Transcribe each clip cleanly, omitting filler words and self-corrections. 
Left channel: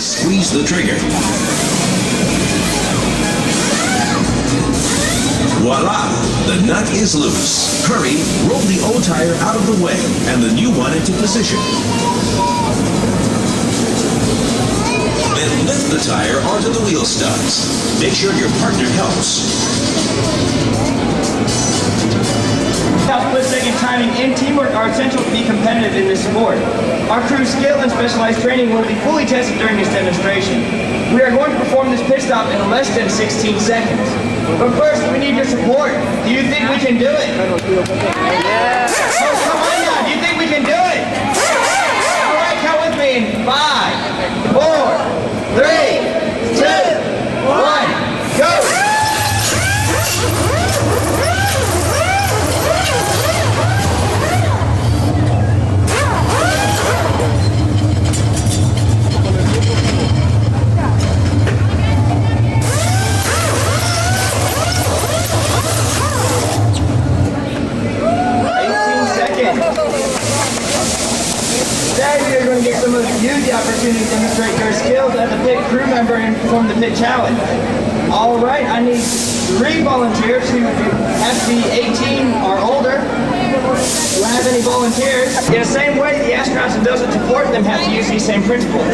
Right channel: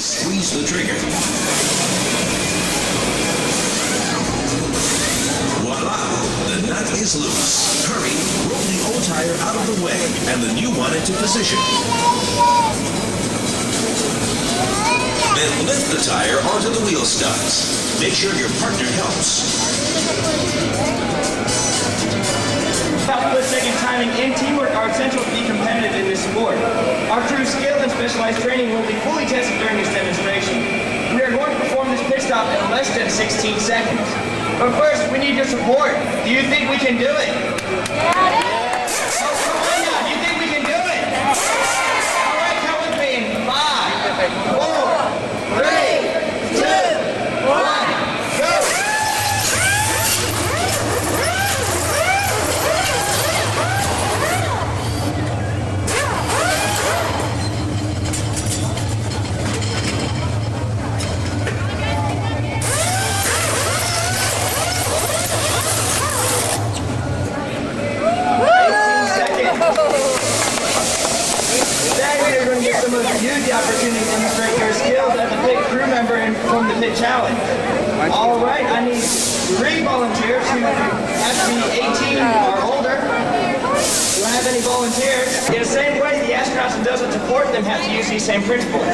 squeeze the trigger. Voila! The nut is loose. Hurry, roll the old tire out of the way and the new one into position. Then lift the tire onto the wheel studs. Make sure your partner helps. Split-second timing and teamwork are essential to be competitive in this sport. Our crew's skill and specialized training will be fully tested during this demonstration. We are going to perform this pit stop in less than 16 seconds. But first, we need your support. Do you think we can do it? Yeah. Oh, come on now. Do you think we can do it? All right, count with me in 5, 4, 3, 2, 1, go! Today we are going to give some of you the opportunity to demonstrate your skills as a pit crew member and perform the pit challenge. All right, I need 3 volunteers who have to be 18 or older. Do I have any volunteers? In the same way, the astronauts and those that support them have to use these same principles.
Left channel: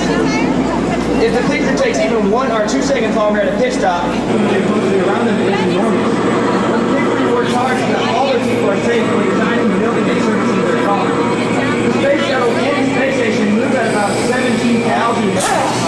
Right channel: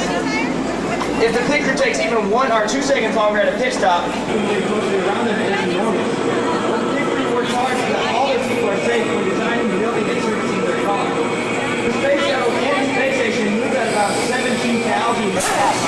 If the pit crew takes even 1 or 2 seconds longer at a pit stop, the around them is enormous. The pit crew works hard so that all their people are safe when designing, building, and servicing their car. The space shuttle and the space station move at about 17,000 miles.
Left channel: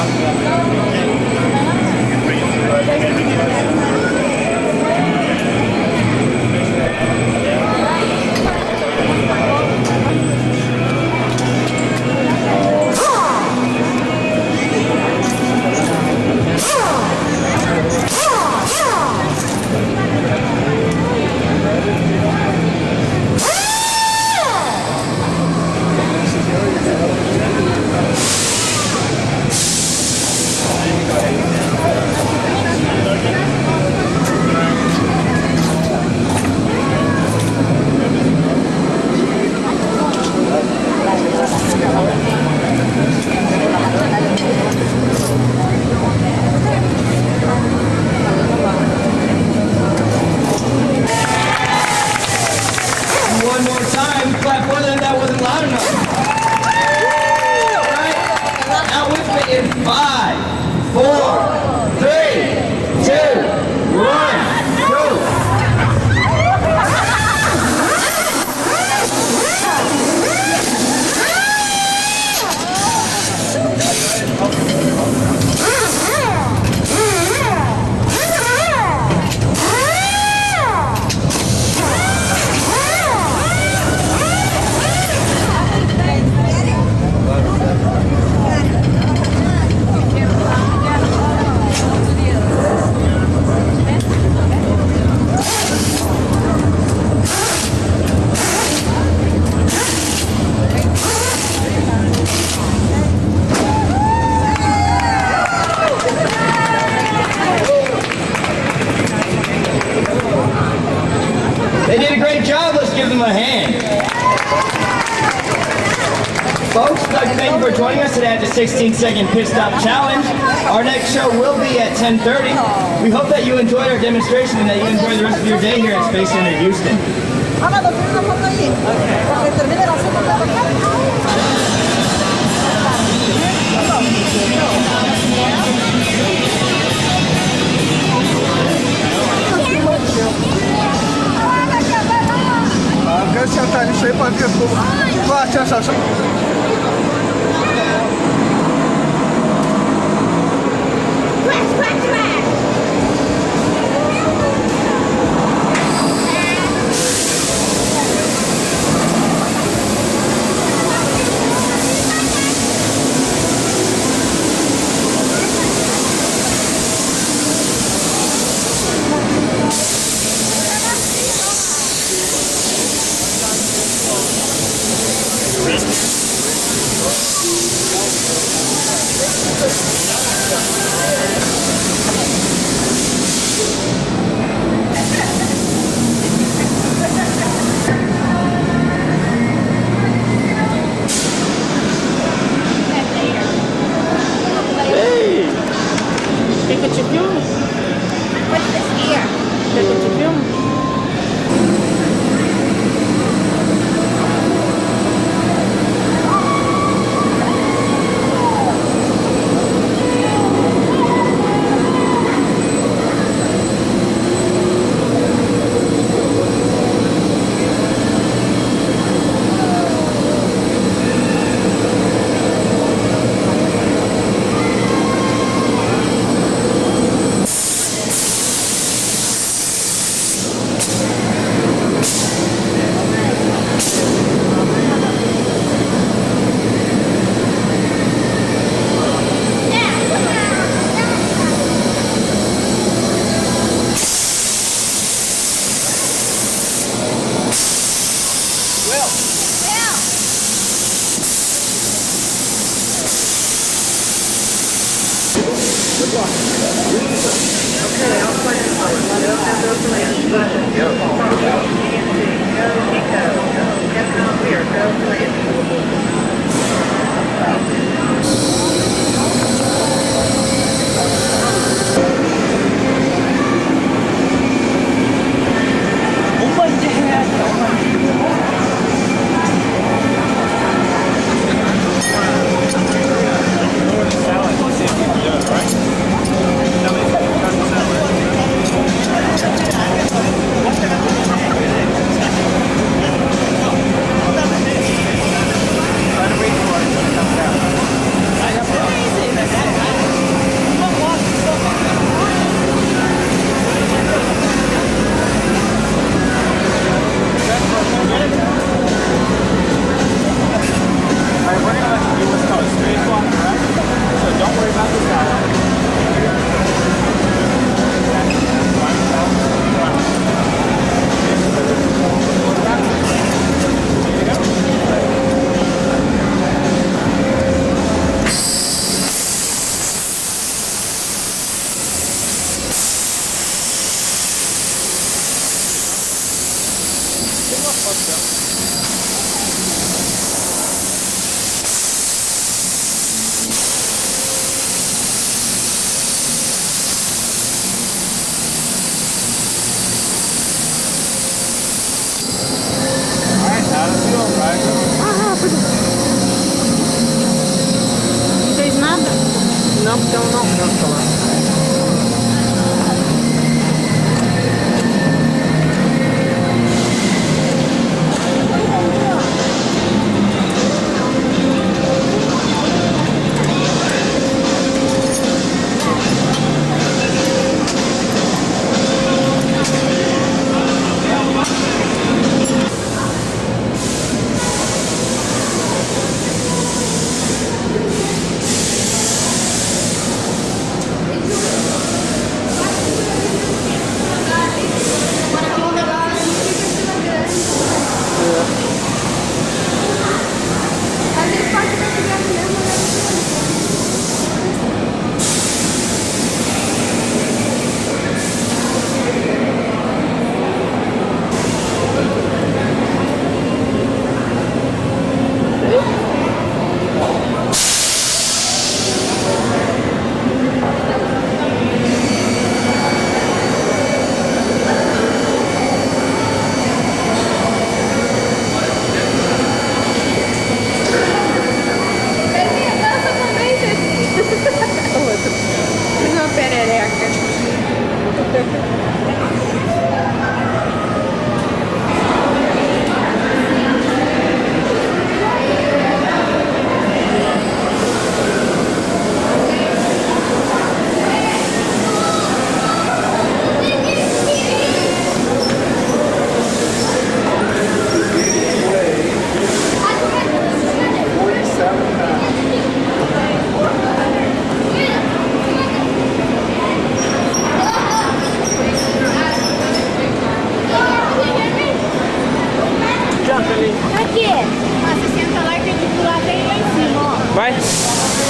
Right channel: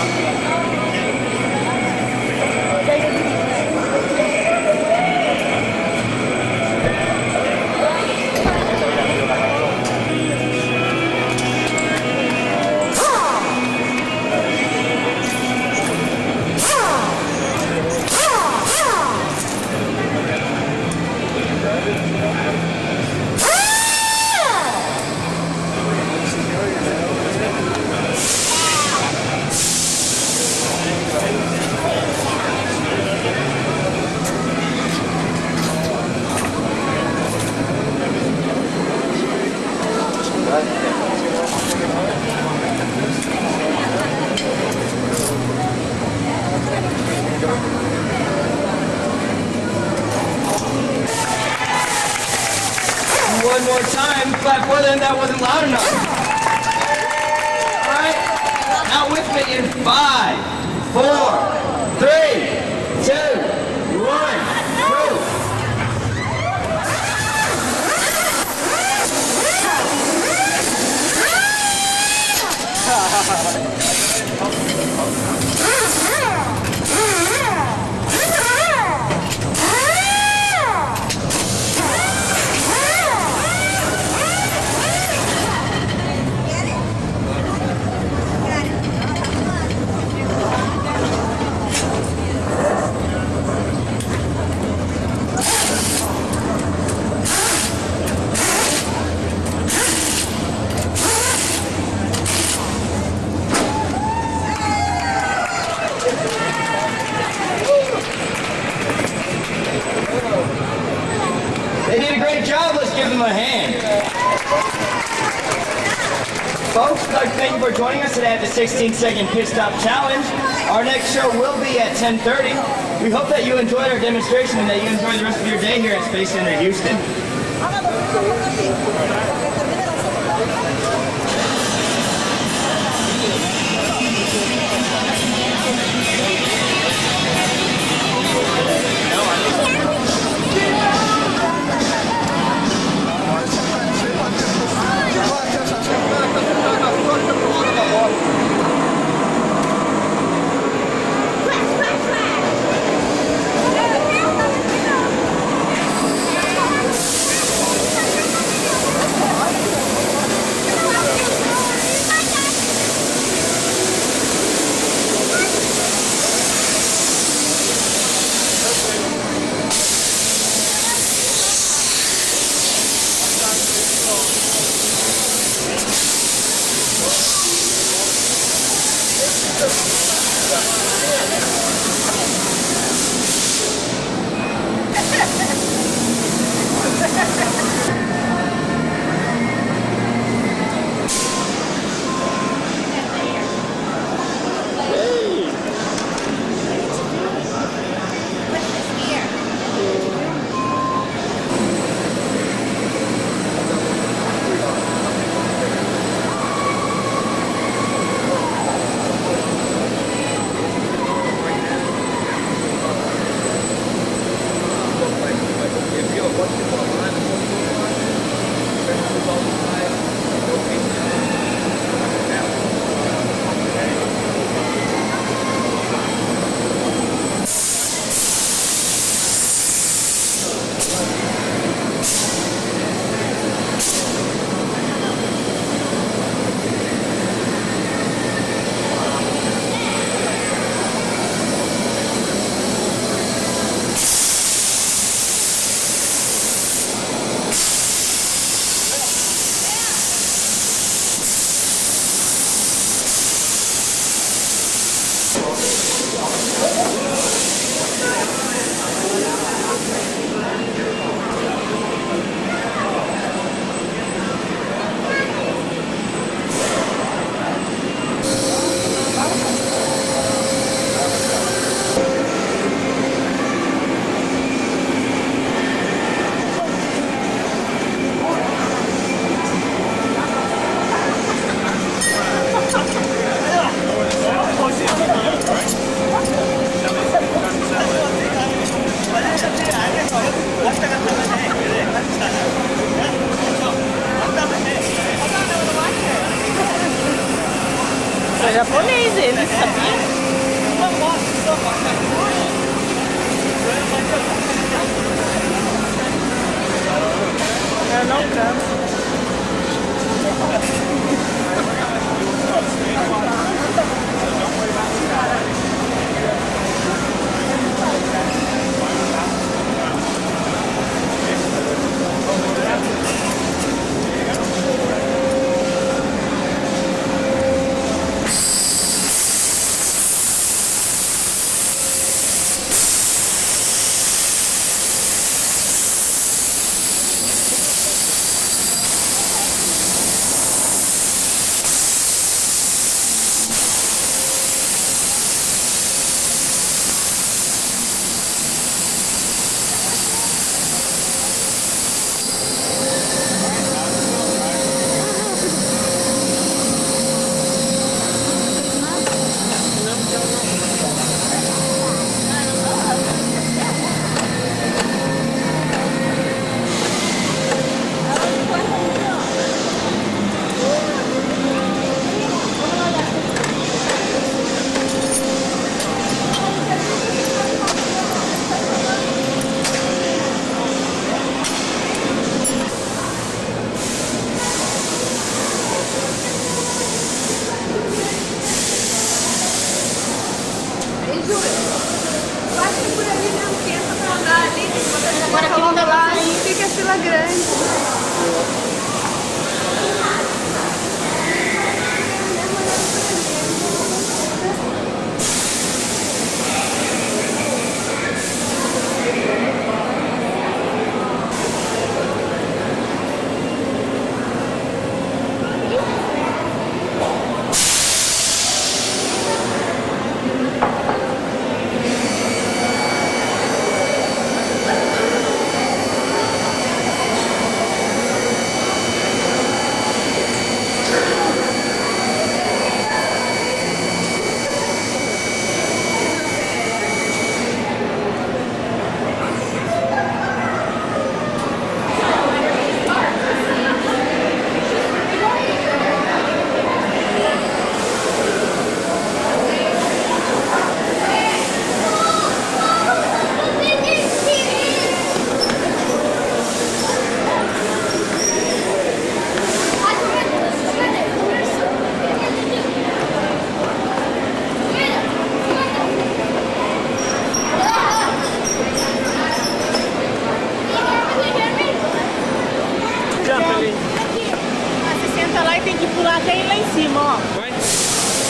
One more time, clap for them, that wasn't loud enough. All right, now with me in 5, 4, 3, 2, 1, go. They did a great job. Let's give them a hand. Folks, I'd like to thank you for joining us today at the 16-second pit stop challenge. Our next show will be at 10:30. We hope that you enjoyed our demonstration and that you enjoy the rest of your day here at Space Center Houston.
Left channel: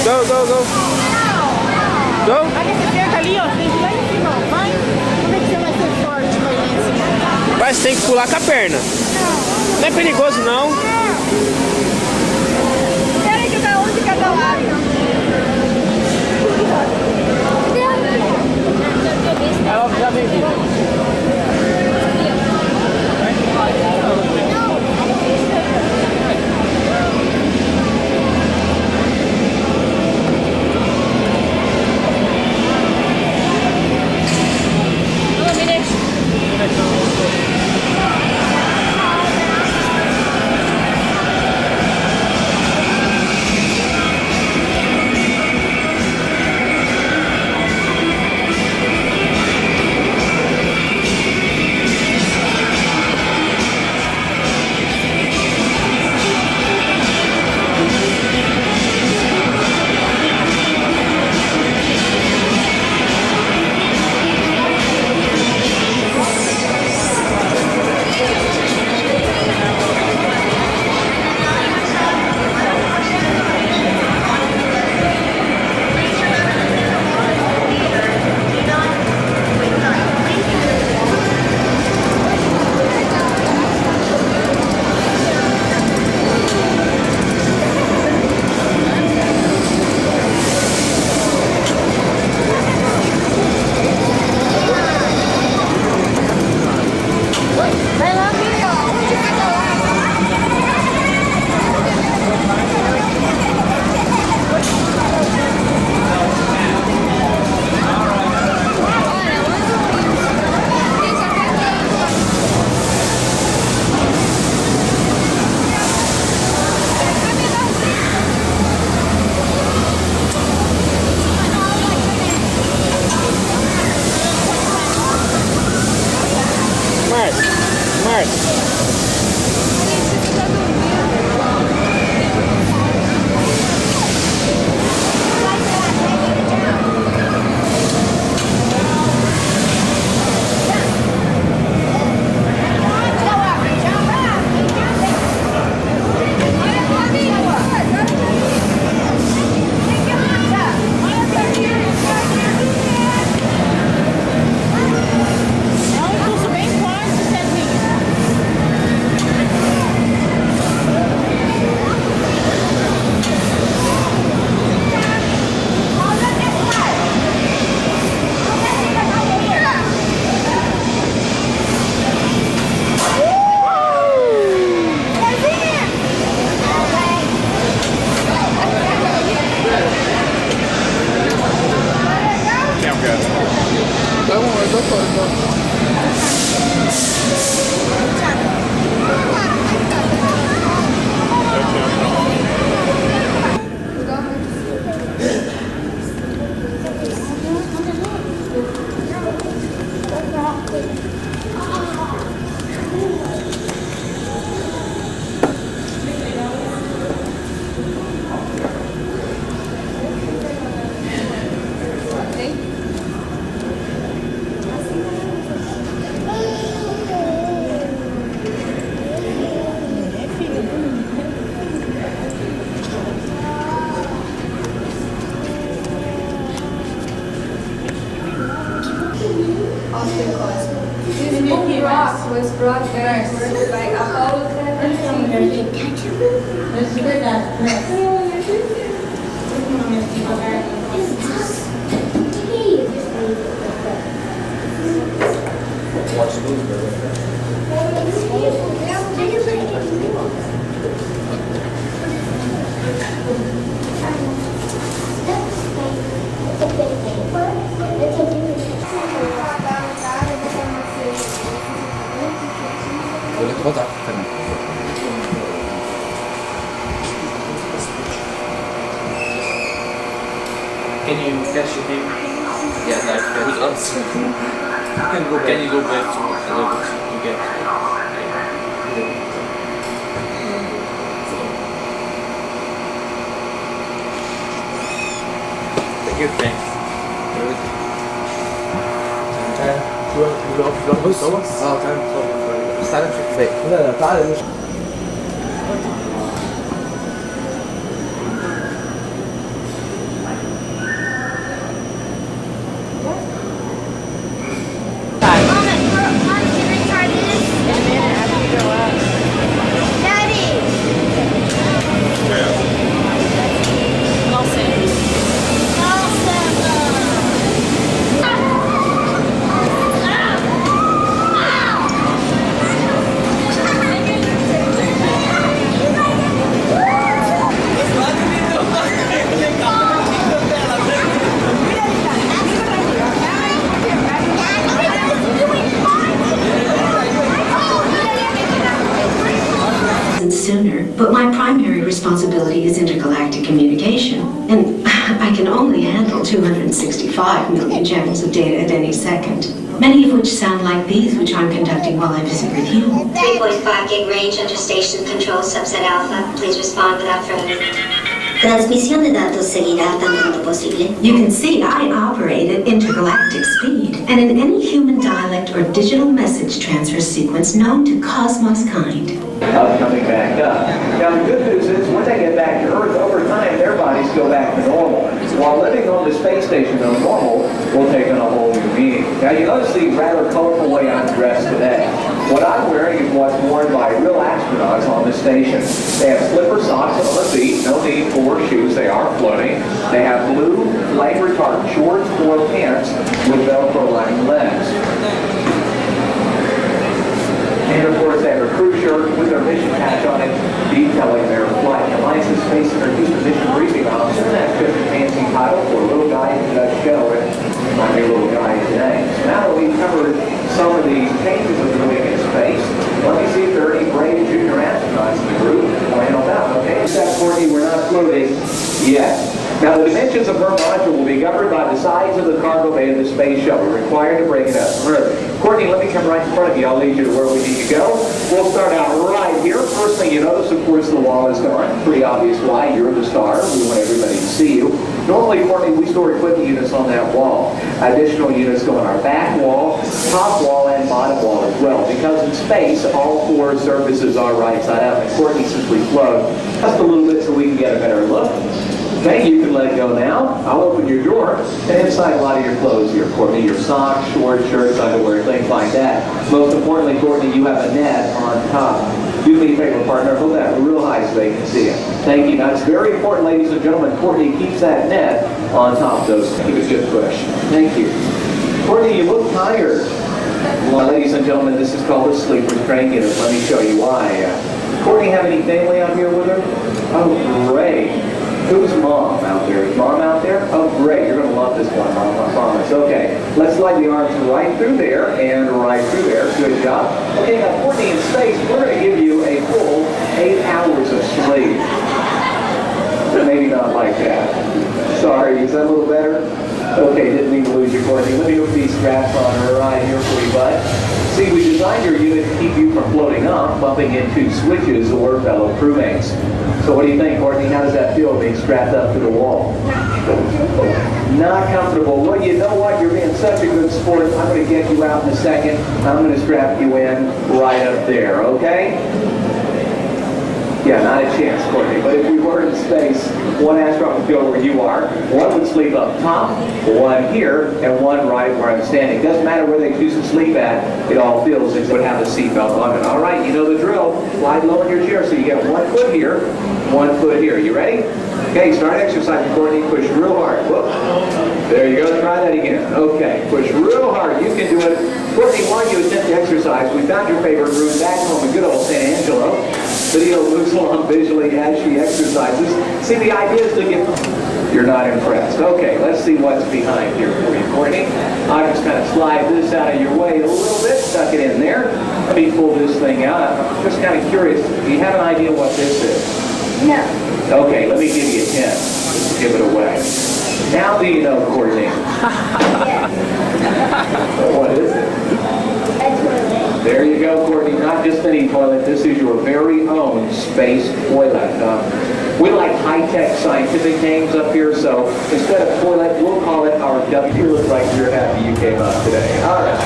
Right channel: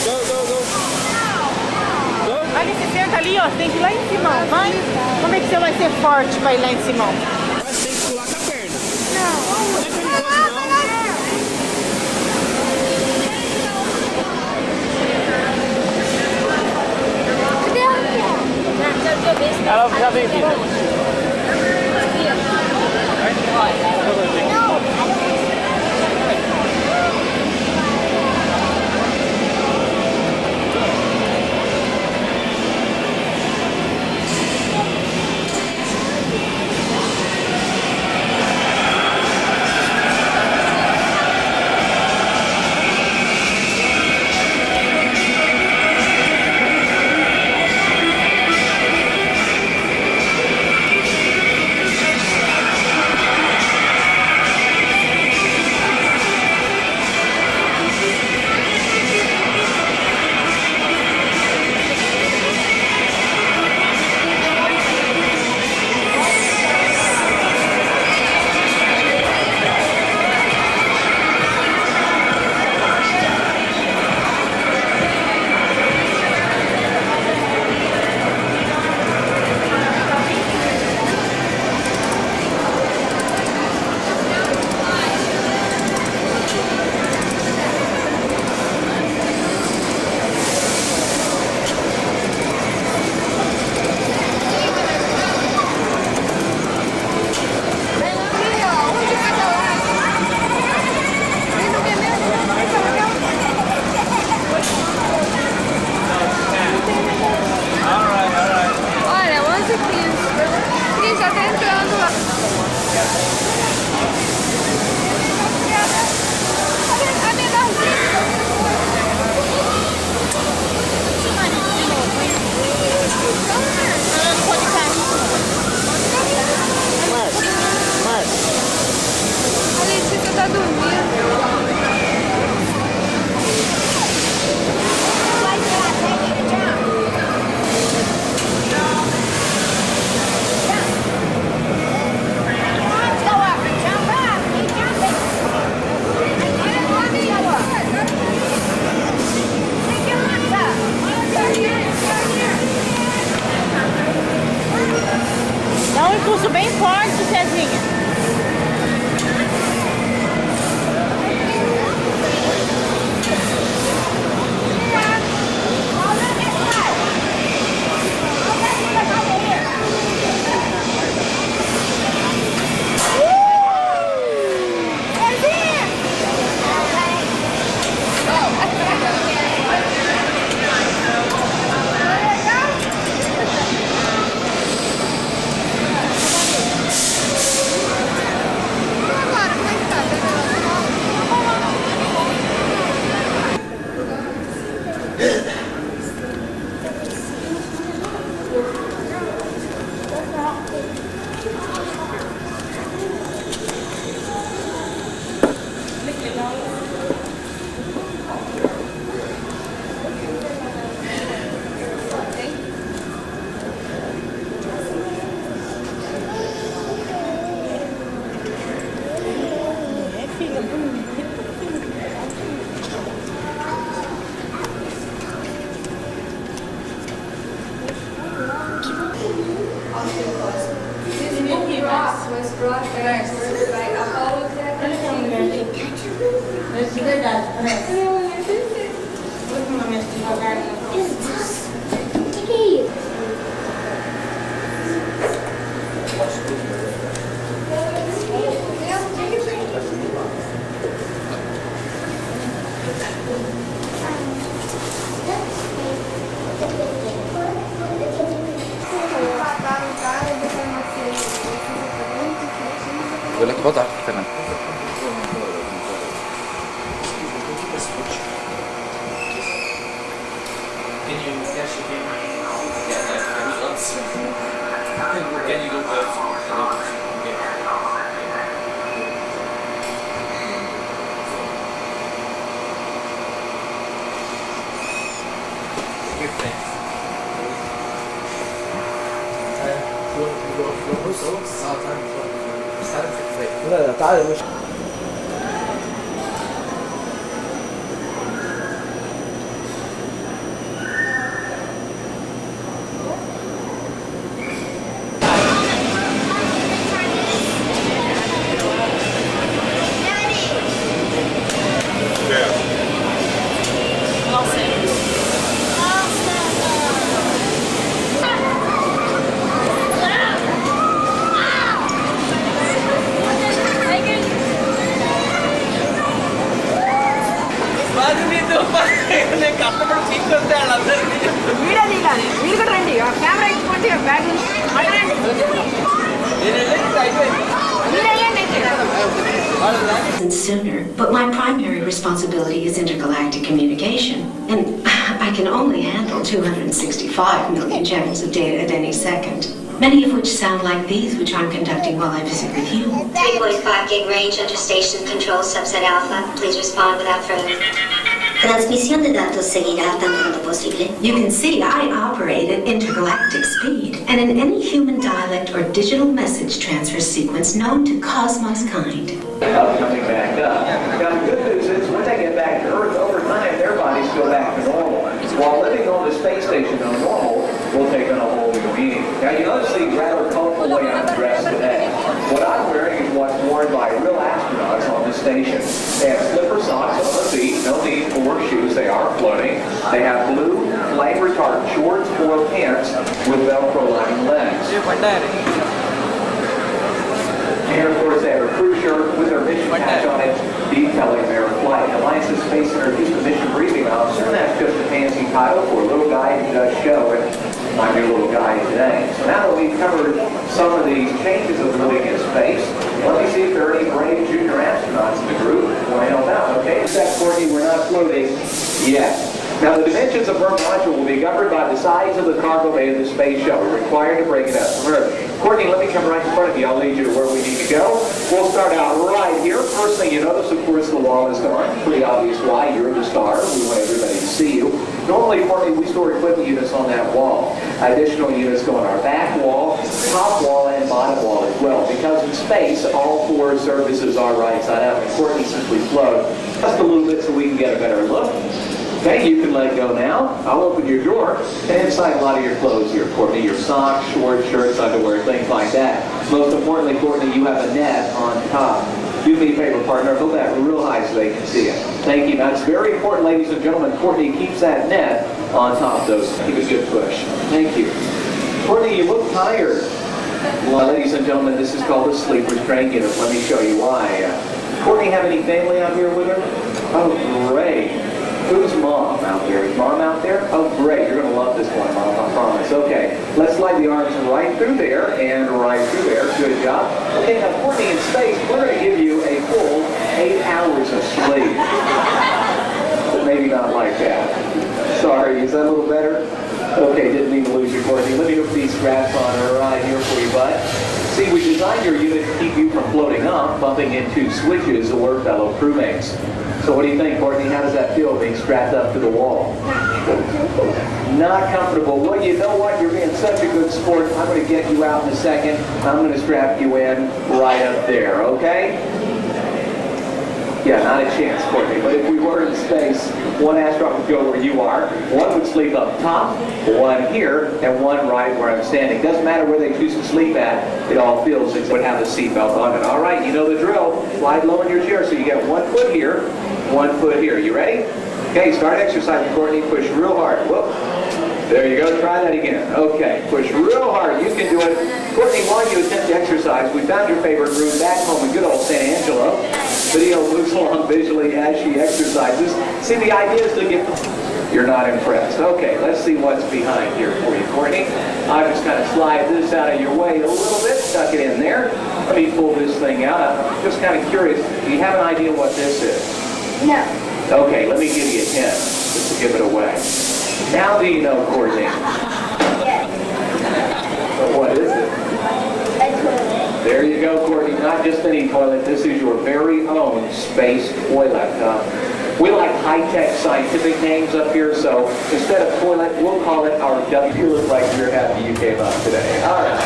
Go, go, go. Go. Ali, você senta ali, ó. Tem que ir lá em cima, ó. Vai. Como é que você vai ser forte pra ir lá em cima? Vai, você tem que pular com a perna. Não. Não é perigoso, não. Quero jogar um de cada lado. Ela já vem aqui. of the cosmos. This book rock was brought back to Earth by Apollo 17. Boleh kotak kanan. Can you catch it in? Yeah, like very close. Can you go back to the level you get? Thank you, thanks. Sooner, but my primary responsibility is intergalactic communication, and I can only handle 265 million channels of data at any second, many of which sound like these, which I'm conducting while I visit with you. 3.5 gig range under station control subset alpha. Please respond without further. Transmisión de datos seguirá tan pronto posible. You can see I operate at intergalactic speed, and in any human dialect or digital message transfer sequence known to Cosmos kind. Coming back up. Now the good news is when they get back to Earth, over time their bodies go back to normal. While living on the space station, though normal, will take on a whole new meaning. Now you notice the rather colorful way I'm dressed today. What I'm wearing is what's worn by real astronauts on the station. They have slipper socks on the feet, no need for shoes, they are floating. They have blue flame retardant shorts or pants with Velcro lining legs. And of course they have a crew shirt with their mission patch on it detailing their flight. Alliance's Space Center Houston Mission Briefing Officer, and that's just a fancy title for a little guy who does show it. My new little guy today. So now that we've covered some of the changes of living in space, let me see if there are any brave junior astronauts in the group who want to help out. Okay, except Courtney, we're not floating yet. Now the dimensions of her module will be governed by the size of the cargo bay of the space shuttle, required to bring it up from Earth. Courtney, let me come right in front of you. I'll lead you to where we need to go. We'll start out right here. First thing you notice, of course, the wall is gone. Pretty obvious why. You're the star. We want everybody to see you. Normally, Courtney, we store equipment units on that wall. Additional units go on our back wall, top wall, and bottom wall as well. Because in space, all four surfaces are right side up. And Courtney simply float just a little bit so we can get a better look. Okay, you can let go now. I'll open your drawer and inside a lot of your clothes here, Courtney. Your socks, shorts, shirts, underwear, things like that. Most importantly, Courtney, you have a net on top. Do me a favor, partner. Hold that real high so they can see it. Thank you. Now, it's very important, ladies and gentlemen, Courtney keeps that net on top of those. Give a good push. Thank you. Courtney, you look tired. Well, ladies and gentlemen, this is called a sleep restraint unit. Let me show you why. Courtney, have any family out here with her? Oh, great. Who's mom out there? Is mom out there? Oh, great. You're going to love this one, Mom, I promise. Okay, let's slide the arms right through there and right through there. Good job. Okay, now, Courtney, in space, we're going to give you a full 8 hours of sleep. Maybe not like that. Sorry, is that a little better? Okay, didn't mean to lose you, Courtney. Let me hook these straps on right here for you, bud. See, we designed your unit to keep you from floating up, bumping into switches or fellow crewmates. So what do you think, Courtney? How does that feel being strapped up to the wall? Not comfortable. Well, you know what? You're being such a good sport. I'm going to get you out in a second. I'm going to strap you in right up there, okay? Yeah, not a chance, Courtney. But if we were in space, one astronaut would go where you are, one would sleep up top, one here, and one right where I'm standing. Doesn't matter where they choose to sleep at, it all feels as would have a seatbelt on it. All right, you know the drill. Slide low in your chair so you get 1 foot here, 1 foot here. You ready? Okay, start exercising, Courtney. Push real hard. Whoop. There you go. Try that again. Okay, push real hard. You can do it. Courtney, while you attempt to exercise, we found your favorite room back home in good old San Angelo. Video moves along visually as she exercises. See, the idea is to get... You're not impressed. Okay, let's see what's behind here for you, Courtney. I'll just kind of slide this out of your way a little bit, tuck it in there. Let me pull this thing out. I'm just kind of curious. Do you have an idea what this is? No. Okay, let me give you a hint. Just to give it away. Now do you know, Courtney? Yes. What is it? A toilet. There you go, Courtney. Not just any toilet. This is your very own space toilet. We like high-tech scientific names up here, so instead of toilet, we'll call it our W. You look like you're happy you came up today. All right.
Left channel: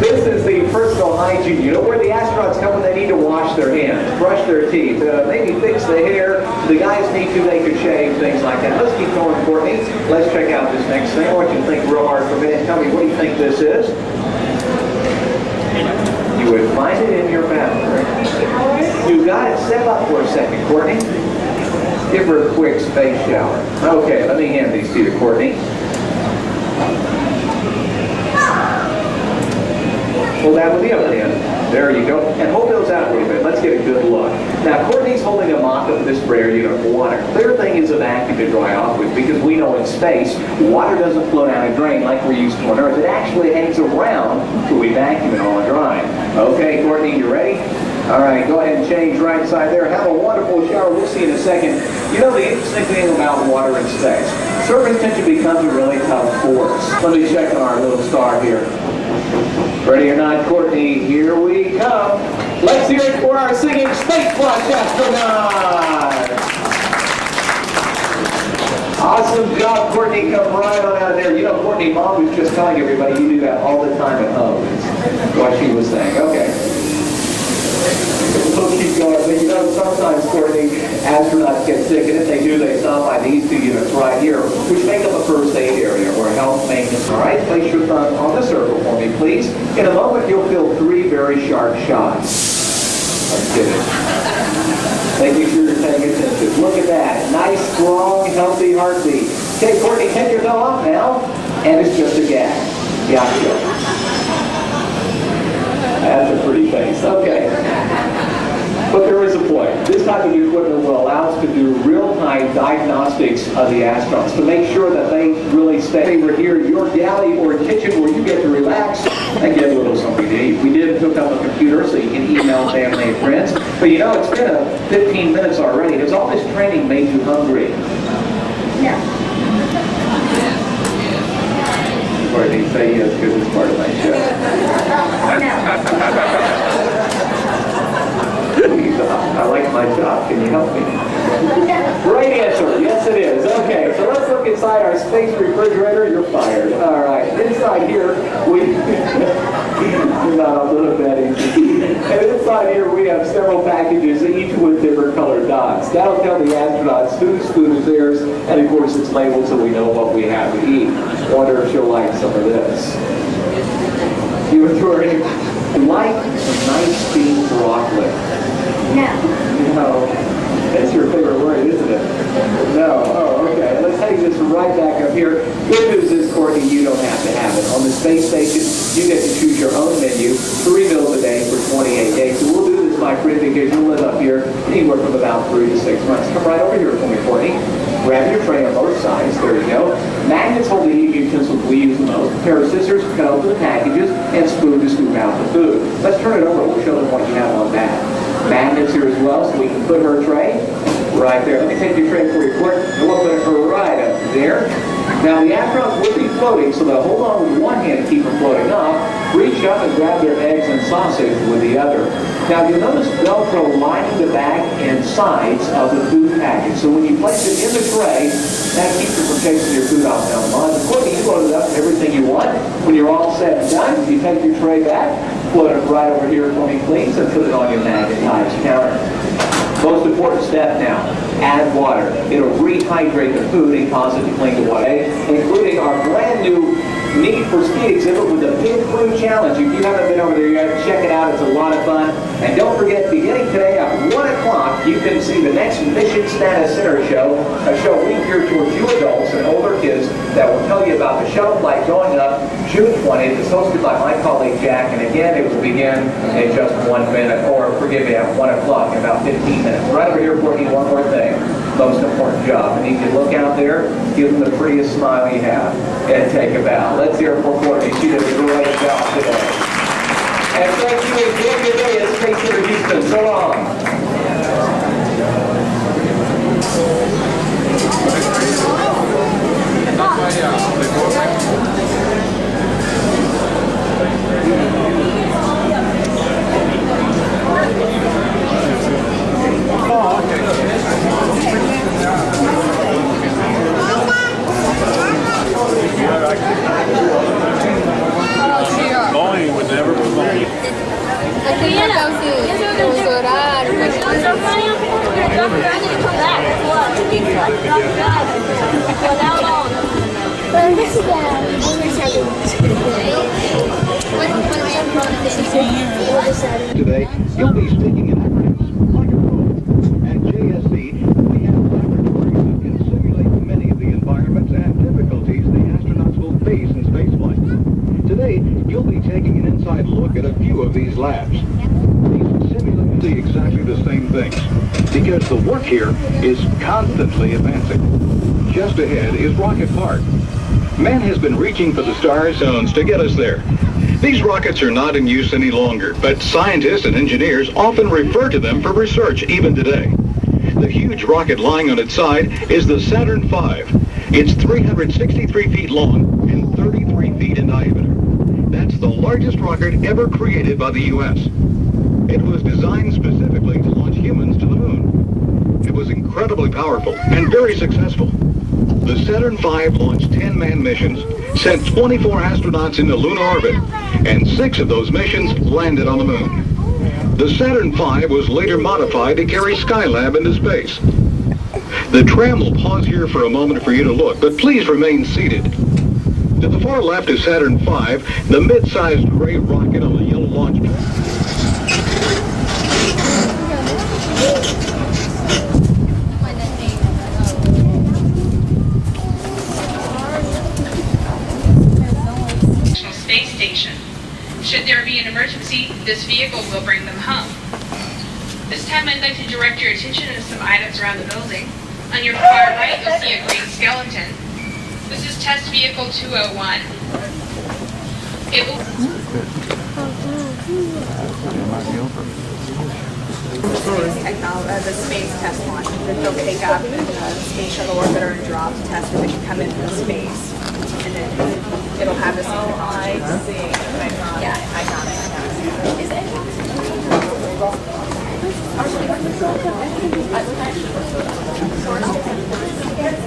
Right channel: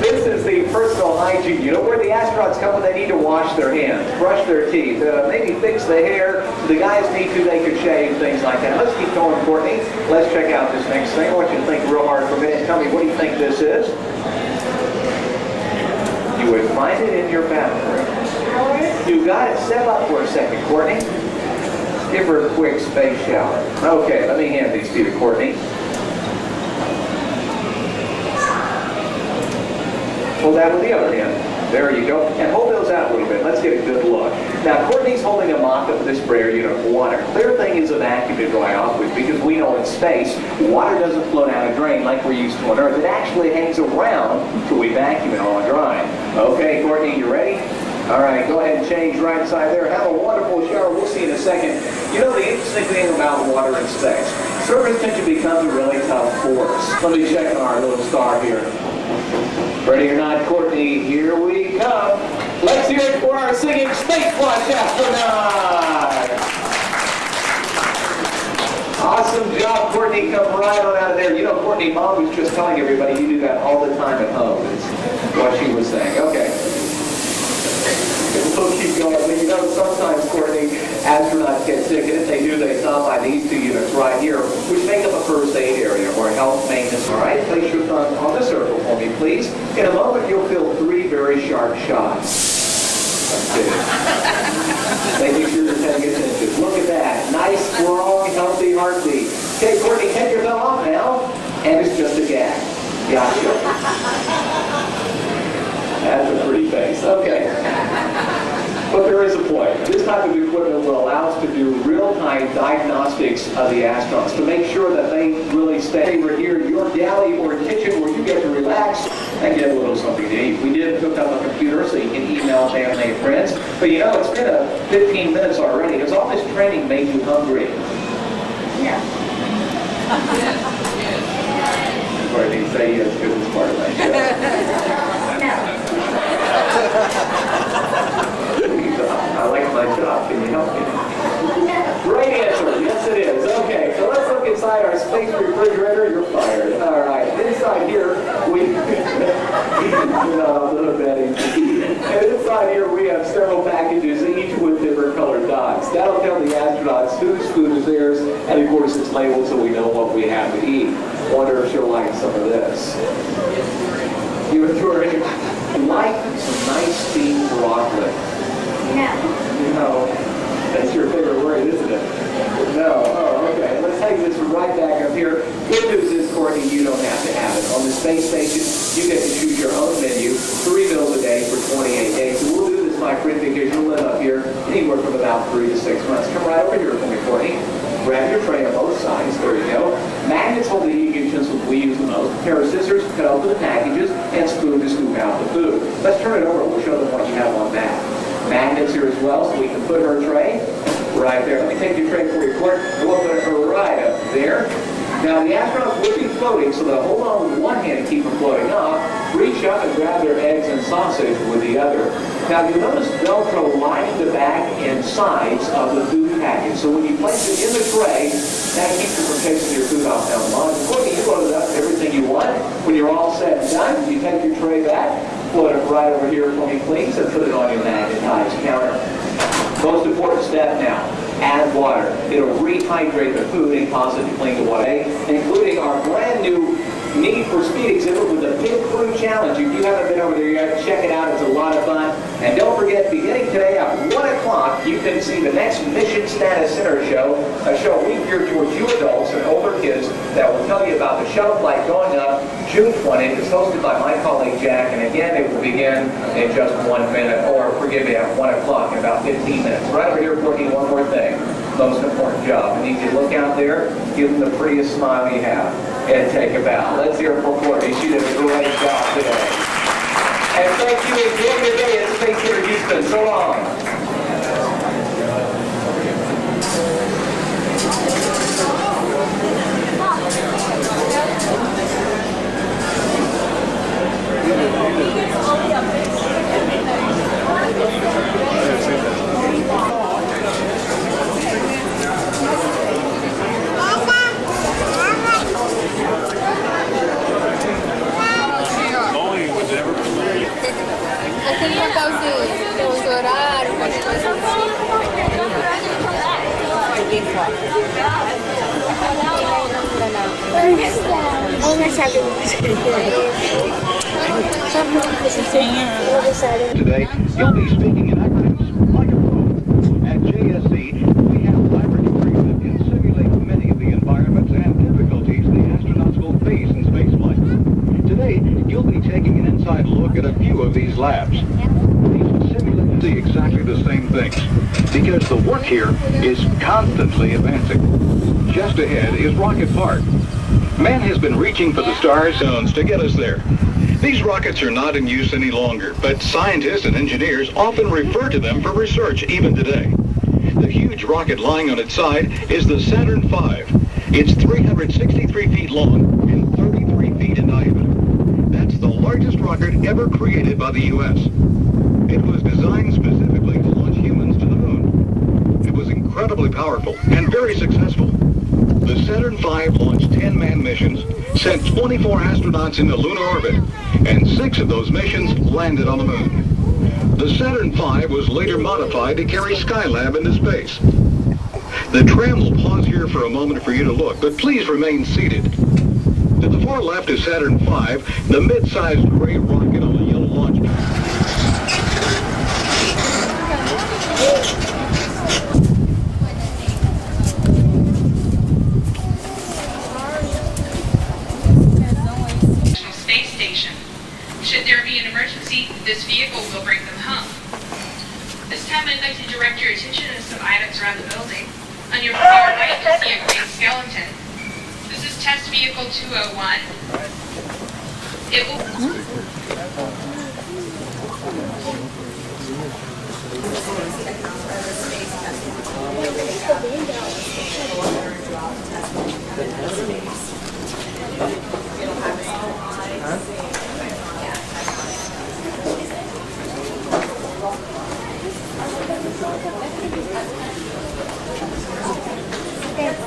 This is the personal hygiene unit where the astronauts come when they need to wash their hands, brush their teeth, maybe fix the hair. The guys need to, they could shave, things like that. Let's keep going, Courtney. Let's check out this next thing. I want you to think real hard for a minute. Tell me, what do you think this is? You would find it in your bathroom. You got it. Step up for a second, Courtney. Give her a quick space shower. Okay, let me hand these to you, Courtney. Pull that with the other hand. There you go. And hold those out a little bit. Let's get a good look. Now, Courtney's holding a mop-up of this sprayer unit of water. Clear thing is a vacuum to dry off with because we know in space, water doesn't flow down a drain like we're used to on Earth. It actually hangs around till we vacuum it all dry. Okay, Courtney, you ready? All right, go ahead and change right side there. Have a wonderful shower. We'll see you in a second. You know the interesting thing about water in space, surface tension becomes a really tough force. Let me check on our little star here. Ready or not, Courtney, here we come. Let's hear it for our singing Space Watch astronaut. Awesome job, Courtney. Come right on out of there. You know, Courtney, Mom was just telling everybody you do that all the time at home. It's what she was saying. Okay. We'll keep going. But you know, sometimes, Courtney, astronauts get sick, and if they do, they stop by these two units right here, which make up a first aid area or health maintenance. All right, place your thumb on the circle for me, please. In a moment, you'll feel 3 very sharp shots. I'm kidding. Making sure you're paying attention. Look at that. Nice, strong, healthy heartbeat. Okay, Courtney, take your thumb off now, and it's just a gag. Gotcha. That's a pretty face. Okay. But there is a point. This type of equipment will allow us to do real-time diagnostics of the astronauts to make sure that they really stay over here in your galley or kitchen where you get to relax and get a little something to eat. We did hook up a computer so you can email family and friends. But you know, it's been 15 minutes already. Has all this training made you hungry? No. Or they say yes because it's part of my I like my job. Can you help me? Great answer. Yes, it is. Okay, so let's look inside our space refrigerator. You're fired. All right. Inside here, we... not a little Betty. And inside here, we have several packages, each with different colored dots. That'll tell the astronauts whose food is theirs, and of course, it's labeled so we know what we have to eat. Wonder if she'll like some of this. You like some nice steamed broccoli? No. No. That's your favorite word, isn't it? No. Oh, okay. Let's take this right back up here. Good news is, Courtney, you don't have to have it. On the space station, you get to choose your own menu, 3 meals a day for 28 days. So we'll do this, my friend, because you'll live up here anywhere from about 3 to 6 months. Come right over here for me, Courtney. Grab your tray on both sides. There you go. Magnets hold the eating utensils we use the most. A pair of scissors cut open the packages, and spoon to scoop out the food. Let's turn it over. We'll show them what you have on that. Magnets here as well, so we can put her tray right there. Let me take your tray for you, quick, and we'll put her right up there. Now, the astronauts will be floating, so they'll hold on with one hand to keep them floating up, reach up and grab their eggs and sausage with the other. Now, you'll notice Velcro lining the back and sides of the food package. So when you place it in the tray, that keeps the protection of your food off down the line. Courtney, you loaded up everything you want. When you're all set and done, you take your tray back, float it right over here for me, please, and put it on your magnetized counter. Most important step now, add water. It'll rehydrate the food and cause it to cling to water, including our brand new Need for Speed exhibit with the Pit Crew Challenge. If you haven't been over there yet, check it out. It's a lot of fun. And don't forget, beginning today at 1 o'clock, you can see the next Mission Status Center show, a show we geared towards you adults and older kids that will tell you about the shuttle flight going up June 20th. It's hosted by my colleague Jack, and again, it will begin in just 1 minute, or forgive me, at 1 o'clock in about 15 minutes. Right over here, Courtney, one more thing. Most important job. And you can look out there, give them the prettiest smile you have, and take a bow. Let's hear it for Courtney. She did a great job today. And thank you again today at Space Center Houston. So long. Aquele papelzinho, os horários, as coisas assim. Today, you'll be speaking in acronyms like a pro. At JSC, we have laboratories that can simulate many of the environments and difficulties the astronauts will face in spaceflight. Today, you'll be taking an inside look at a few of these labs. These simulators see exactly the same things, because the work here is constantly advancing. Just ahead is Rocket Park. Man has been reaching for the star zones to get us there. These rockets are not in use any longer, but scientists and engineers often refer to them for research even today. The huge rocket lying on its side is the Saturn V. It's 363 feet long and 33 feet in diameter. That's the largest rocket ever created by the U.S. It was designed specifically to launch humans to the moon. It was incredibly powerful and very successful. The Saturn V launched 10 manned missions, sent 24 astronauts into lunar orbit, and 6 of those missions landed on the moon. The Saturn V was later modified to carry Skylab into space. The tram will pause here for a moment for you to look, but please remain seated. To the far left is Saturn V, the mid-sized gray rocket on the yellow launch pad. Space Station. Should there be an emergency, this vehicle will bring them home. This time I'd like to direct your attention to some items around the building. On your far right, you'll see a green skeleton. This is Test Vehicle 201. It will... The space test launch. They'll pick up the space shuttle orbiter and drop the test when they come into space. And then it'll have this. I see. Yeah, I got it.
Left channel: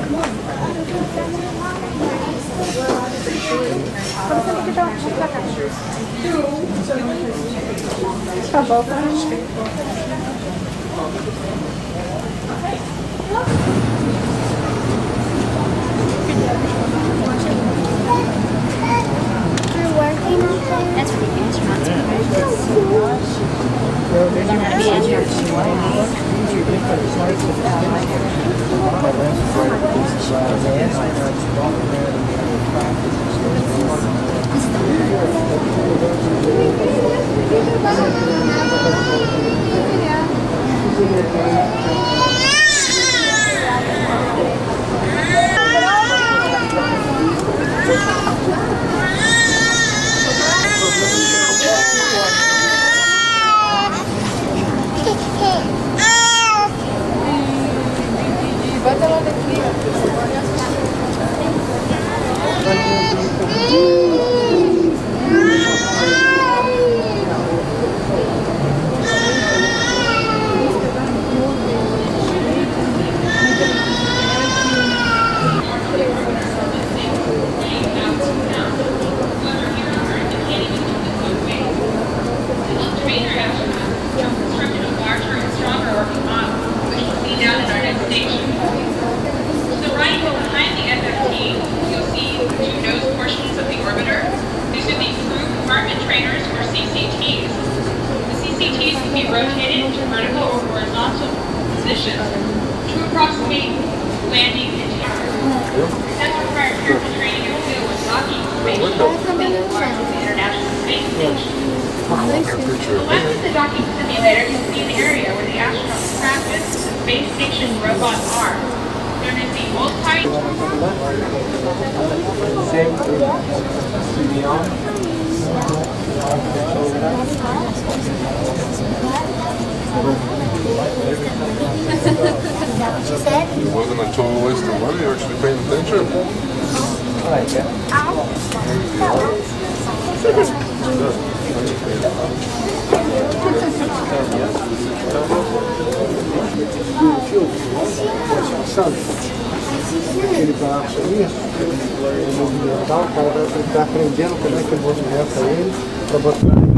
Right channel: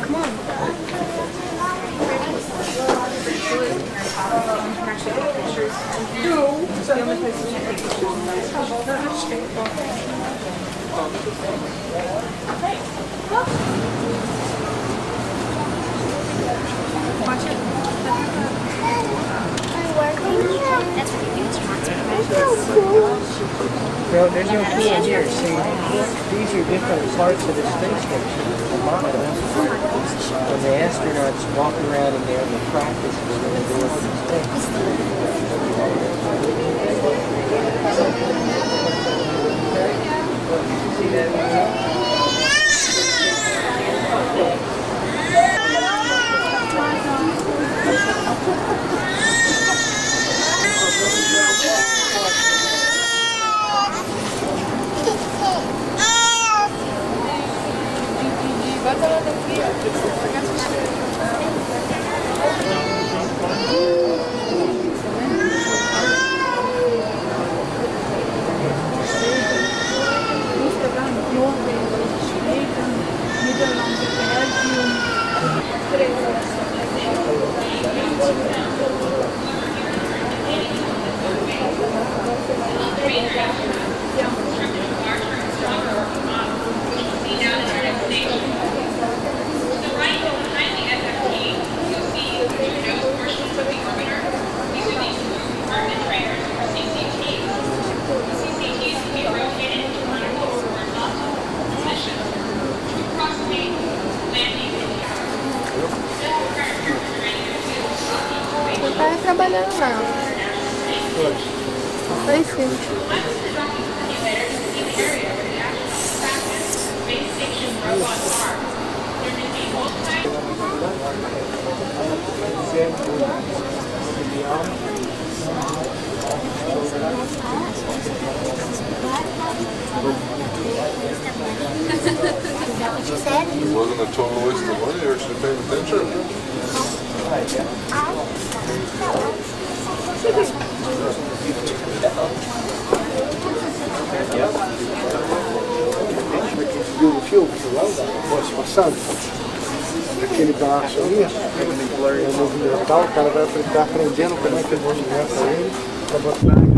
Come on. That's ridiculous. You're not supposed to. Well, then you have to use your different parts of the space. My lens is right at this. The astronauts walk around in there with practice. West of the docking simulator is the area where the astronauts practice the space station robot arms. There is a It wasn't a total waste of money, you're actually paying attention. Do o filme, pode passando. Aquele braço ali, o movimental, o cara vai estar aprendendo como é que movimenta ele para botar.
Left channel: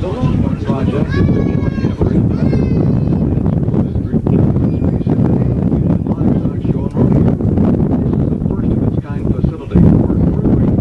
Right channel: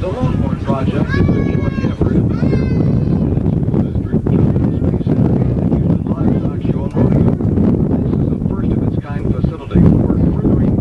The Longhorn Project is a joint effort of the Dearborn Independent School District, Johnson Space Center, and the Houston Livestock Show and Rodeo. This is a first-of-its-kind facility for furthering